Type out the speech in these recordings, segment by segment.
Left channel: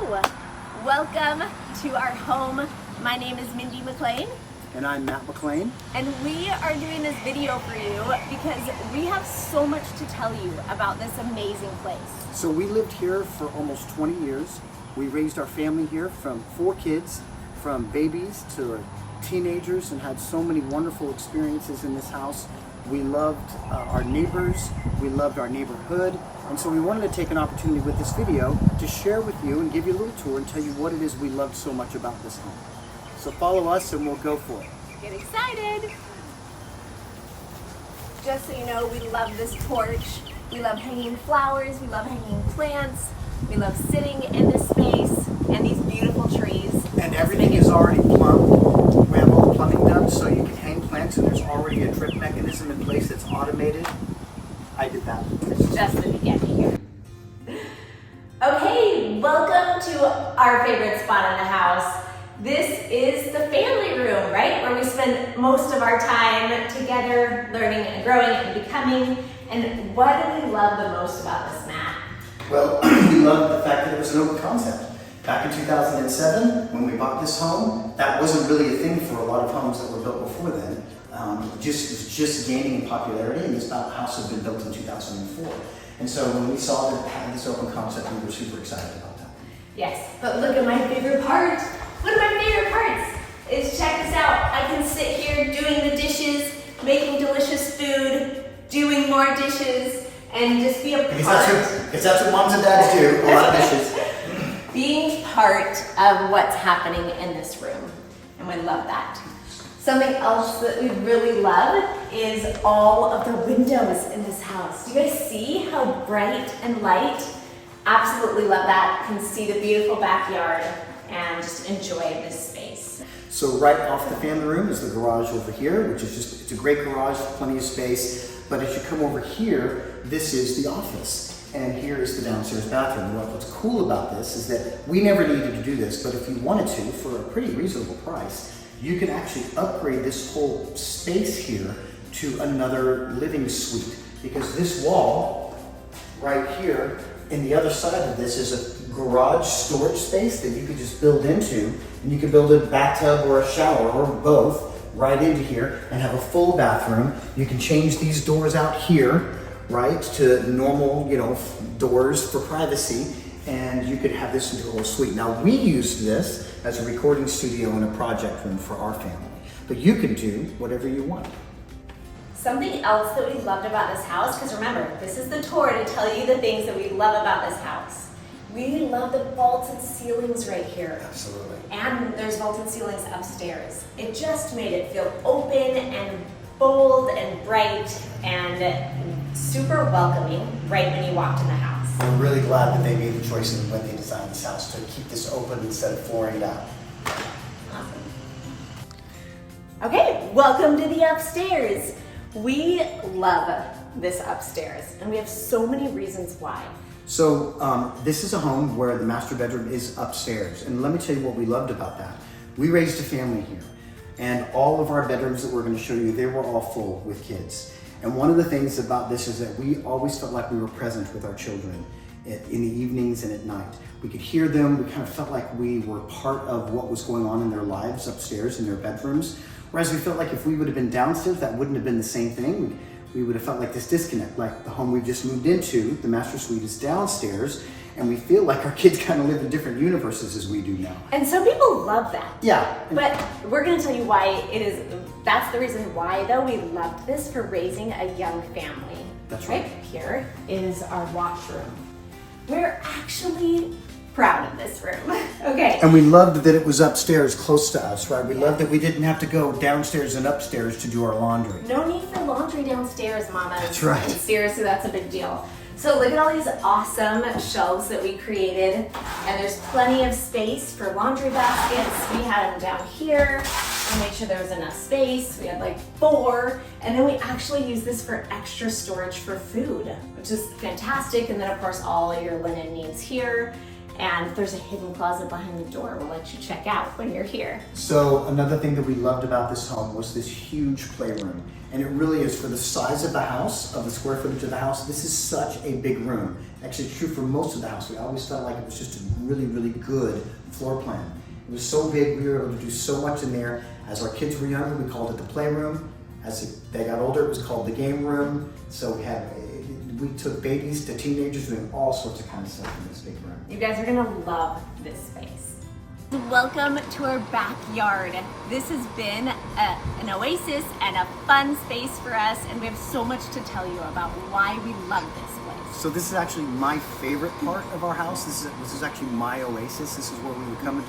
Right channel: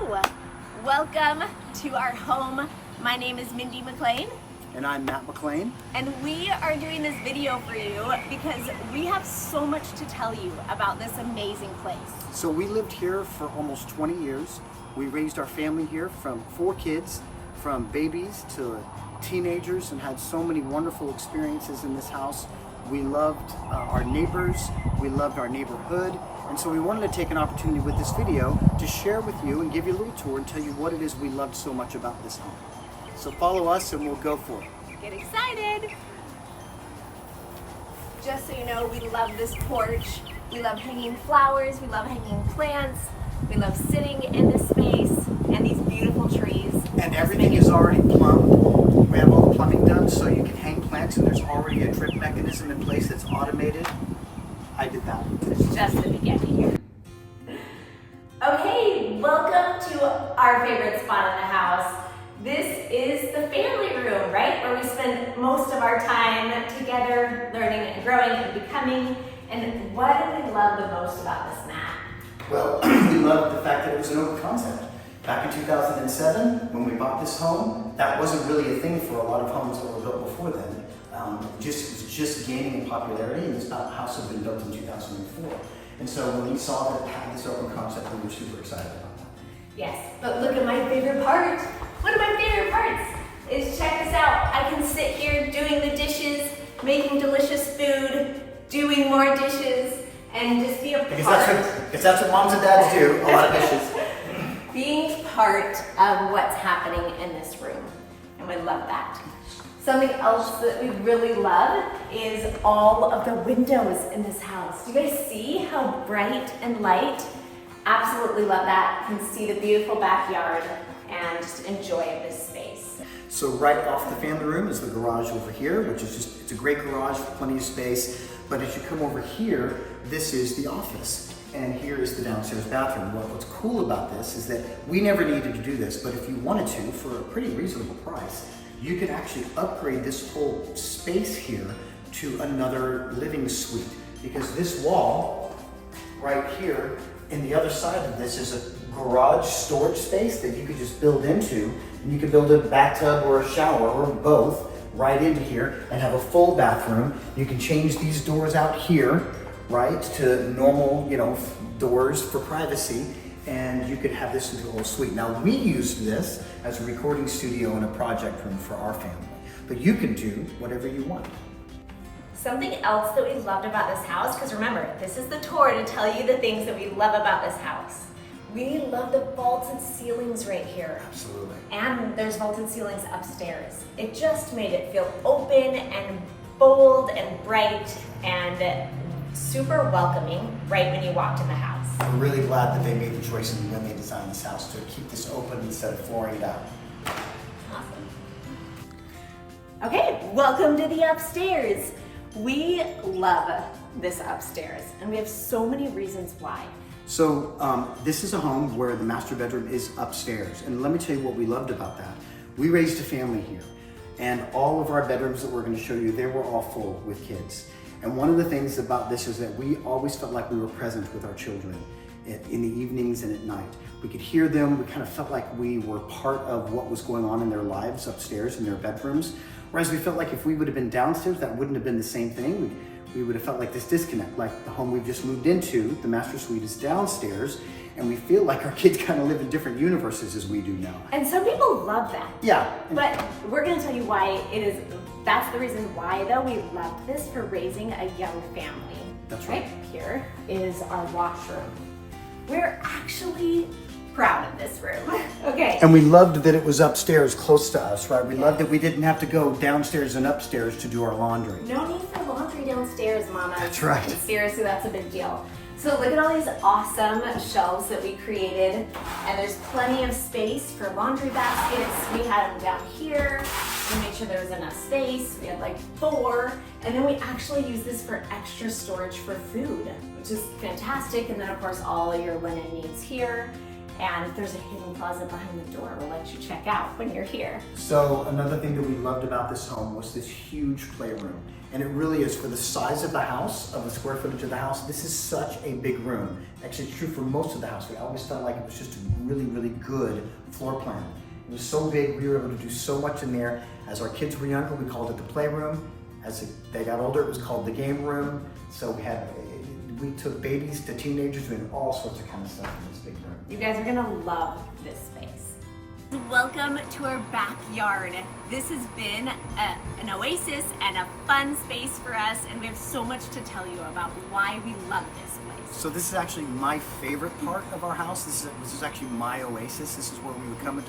Hello, welcome to our home. My name is Mindy McLean. And I'm Matt McLean. And we are doing this video for you because we have so much to tell you about this amazing place. So we lived here for almost 20 years. We raised our family here from 4 kids, from babies to teenagers, and had so many wonderful experiences in this house. We loved our neighbors, we loved our neighborhood, and so we wanted to take an opportunity with this video to share with you and give you a little tour and tell you what it is we loved so much about this home. So follow us and we'll go for it. Get excited! Just so you know, we love this porch. We love hanging flowers, we love hanging plants, we love sitting in this space and these beautiful trees. And everything is already plumbed. We have all the plumbing done so you can hang plants, and there's already a drip mechanism in place that's automated. I did that. It's just the beginning. Okay, welcome to our favorite spot in the house. This is the family room, right? Where we spend most of our time together, learning and growing and becoming. And what do we love the most about this, Matt? Well, we love the fact that it was an open concept. Back in 2007, when we bought this home, that wasn't really a thing for a lot of homes that were built before then. It was just gaining in popularity, and this house had been built in 2004. And so when we saw that it had this open concept, we were super excited about that. Yes, but look at my favorite part. One of my favorite parts is, check this out. I can sit here doing the dishes, making delicious food, doing more dishes, and just be a part. Because that's what moms and dads do, a lot of dishes. Being part of what's happening in this room, and we love that. Something else that we really love is all of the windows in this house. Do you guys see how bright and light? Absolutely love that. You can see the beautiful backyard and just enjoy this space. So right off the family room is the garage over here, which is it's a great garage, plenty of space. But as you come over here, this is the office. And here is the downstairs bathroom. What's cool about this is that we never needed to do this, but if you wanted to, for a pretty reasonable price, you can actually upgrade this whole space here to another living suite. Because this wall right here, in the other side of this, is a garage storage space that you could just build into, and you can build a bathtub or a shower or both right into here and have a full bathroom. You can change these doors out here, right, to normal, doors for privacy, and you could have this into a whole suite. Now, we used this as a recording studio and a project room for our family, but you can do whatever you want. Something else that we loved about this house, because remember, this is the tour to tell you the things that we love about this house. We love the vaulted ceilings right here. Absolutely. And there's vaulted ceilings upstairs. It just made it feel open and bold and bright and super welcoming right when you walked in the house. We're really glad that they made the choice when they designed this house to keep this open instead of flooring it out. Awesome. Okay, welcome to the upstairs. We love this upstairs, and we have so many reasons why. So this is a home where the master bedroom is upstairs. And let me tell you what we loved about that. We raised a family here, and all of our bedrooms that we're going to show you, they were all full with kids. And one of the things about this is that we always felt like we were present with our children in the evenings and at night. We could hear them. We kind of felt like we were part of what was going on in their lives upstairs in their bedrooms. Whereas we felt like if we would have been downstairs, that wouldn't have been the same thing. We would have felt like this disconnect, like the home we've just moved into, the master suite is downstairs, and we feel like our kids kind of live in different universes as we do now. And some people love that. Yeah. But we're gonna tell you why it is, that's the reason why though we loved this for raising a young family. That's right. Here is our washroom. We're actually proud of this room. Okay. And we loved that it was upstairs close to us, right? We loved that we didn't have to go downstairs and upstairs to do our laundry. No need for laundry downstairs, Mama. That's right. And seriously, that's a big deal. So look at all these awesome shelves that we created, and there's plenty of space for laundry baskets. We had them down here to make sure there was enough space. We had like 4, and then we actually use this for extra storage for food, which is fantastic. And then of course all your linen needs here. And there's a hidden closet behind the door. We'll let you check out when you're here. So another thing that we loved about this home was this huge playroom. And it really is, for the size of the house, of the square footage of the house, this is such a big room. Actually, it's true for most of the house. We always felt like it was just a really, really good floor plan. It was so big, we were able to do so much in there. As our kids were younger, we called it the playroom. As they got older, it was called the game room. So we took babies to teenagers doing all sorts of kind of stuff in this big room. You guys are gonna love this space. Welcome to our backyard. This has been an oasis and a fun space for us, and we have so much to tell you about why we love this place. So this is actually my favorite part of our house. This is actually my oasis. This is where we would come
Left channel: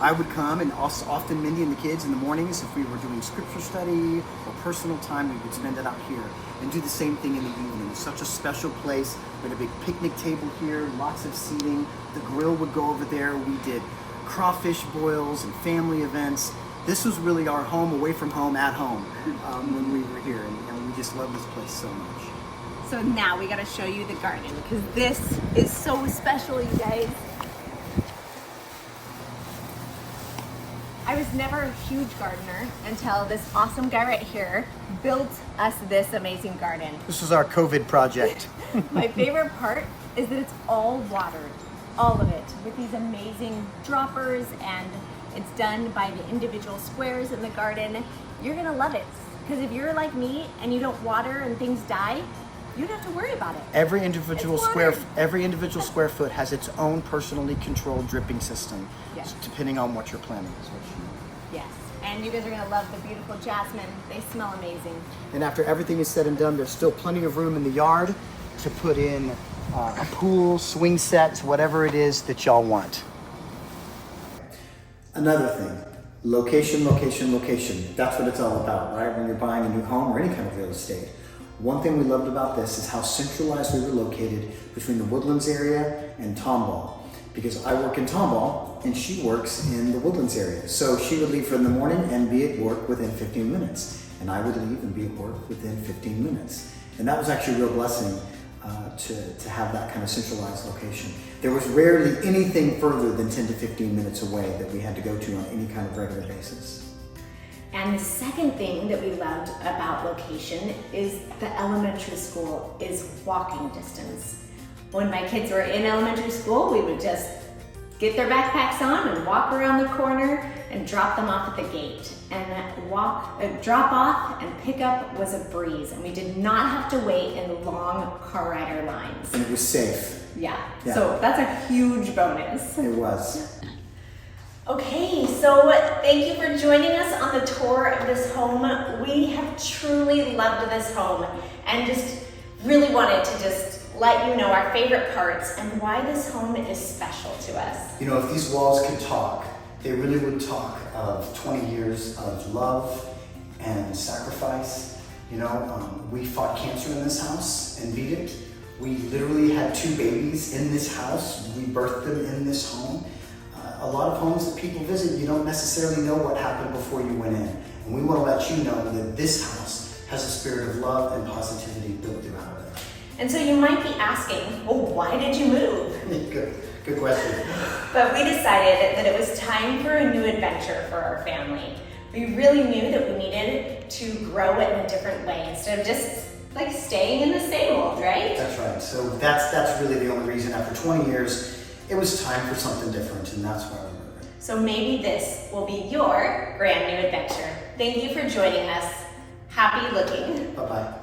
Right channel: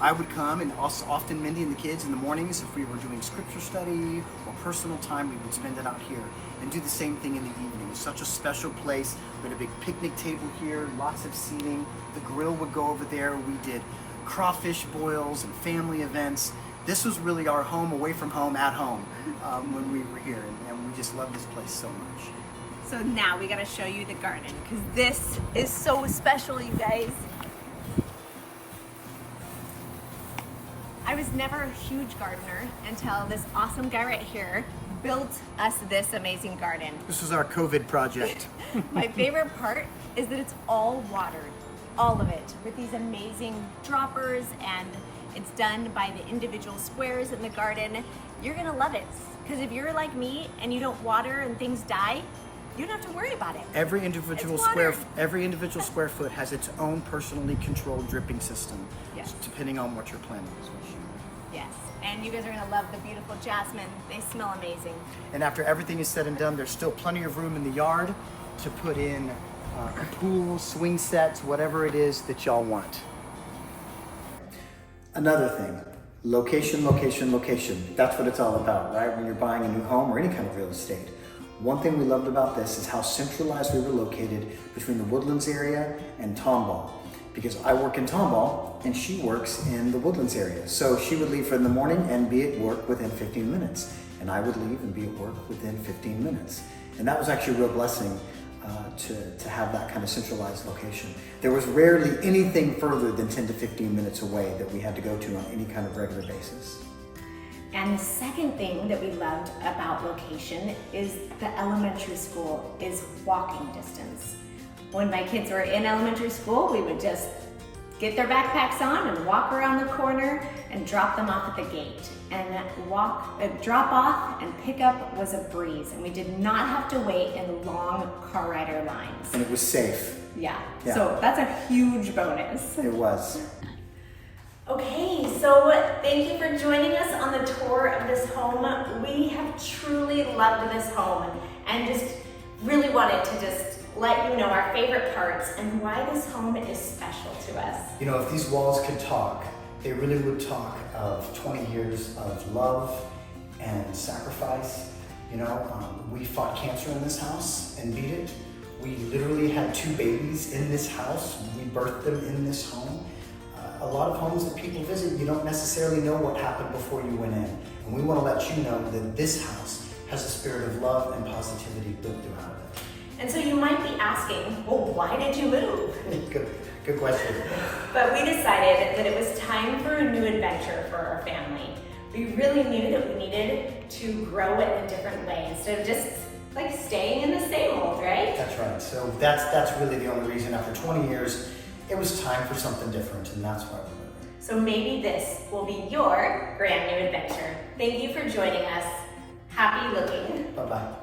I would come, and also often Mindy and the kids in the mornings, if we were doing scripture study or personal time, we would spend it out here and do the same thing in the evening. It's such a special place. We had a big picnic table here, lots of seating. The grill would go over there. We did crawfish boils and family events. This was really our home, away from home, at home, when we were here, and we just love this place so much. So now we gotta show you the garden, because this is so special, you guys. I was never a huge gardener until this awesome guy right here built us this amazing garden. This is our COVID project. My favorite part is that it's all watered, all of it, with these amazing droppers, and it's done by the individual squares in the garden. You're gonna love it, because if you're like me and you don't water and things die, you don't have to worry about it. Every individual square foot has its own personally controlled dripping system. Yes. Depending on what you're planting is what you know. Yes, and you guys are gonna love the beautiful jasmine. They smell amazing. And after everything is said and done, there's still plenty of room in the yard to put in a pool, swing sets, whatever it is that y'all want. Another thing, location, location, location. That's what it's all about, right? When you're buying a new home or any kind of real estate. One thing we loved about this is how centralized we were located between the Woodlands area and Tomball. Because I work in Tomball and she works in the Woodlands area. So she would leave for in the morning and be at work within 15 minutes. And I would leave and be at work within 15 minutes. And that was actually a real blessing to have that kind of centralized location. There was rarely anything further than 10 to 15 minutes away that we had to go to on any kind of regular basis. And the second thing that we loved about location is the elementary school is walking distance. When my kids were in elementary school, we would just get their backpacks on and walk around the corner and drop them off at the gate. And drop off and pick up was a breeze, and we did not have to wait in long car rider lines. And it was safe. Yeah. So that's a huge bonus. It was. Okay, so thank you for joining us on the tour of this home. We have truly loved this home and just really wanted to just let you know our favorite parts and why this home is special to us. You know, if these walls could talk, they really would talk of 20 years of love and sacrifice. You know, we fought cancer in this house and beat it. We literally had 2 babies in this house. We birthed them in this home. A lot of homes that people visit, you don't necessarily know what happened before you went in. And we want to let you know that this house has a spirit of love and positivity built throughout it. And so you might be asking, well, why did you move? Good question. But we decided that it was time for a new adventure for our family. We really knew that we needed to grow in a different way instead of just like staying in the same old, right? That's right. So that's really the only reason. After 20 years, it was time for something different, and that's why we moved. So maybe this will be your brand new adventure. Thank you for joining us. Happy looking. Bye-bye.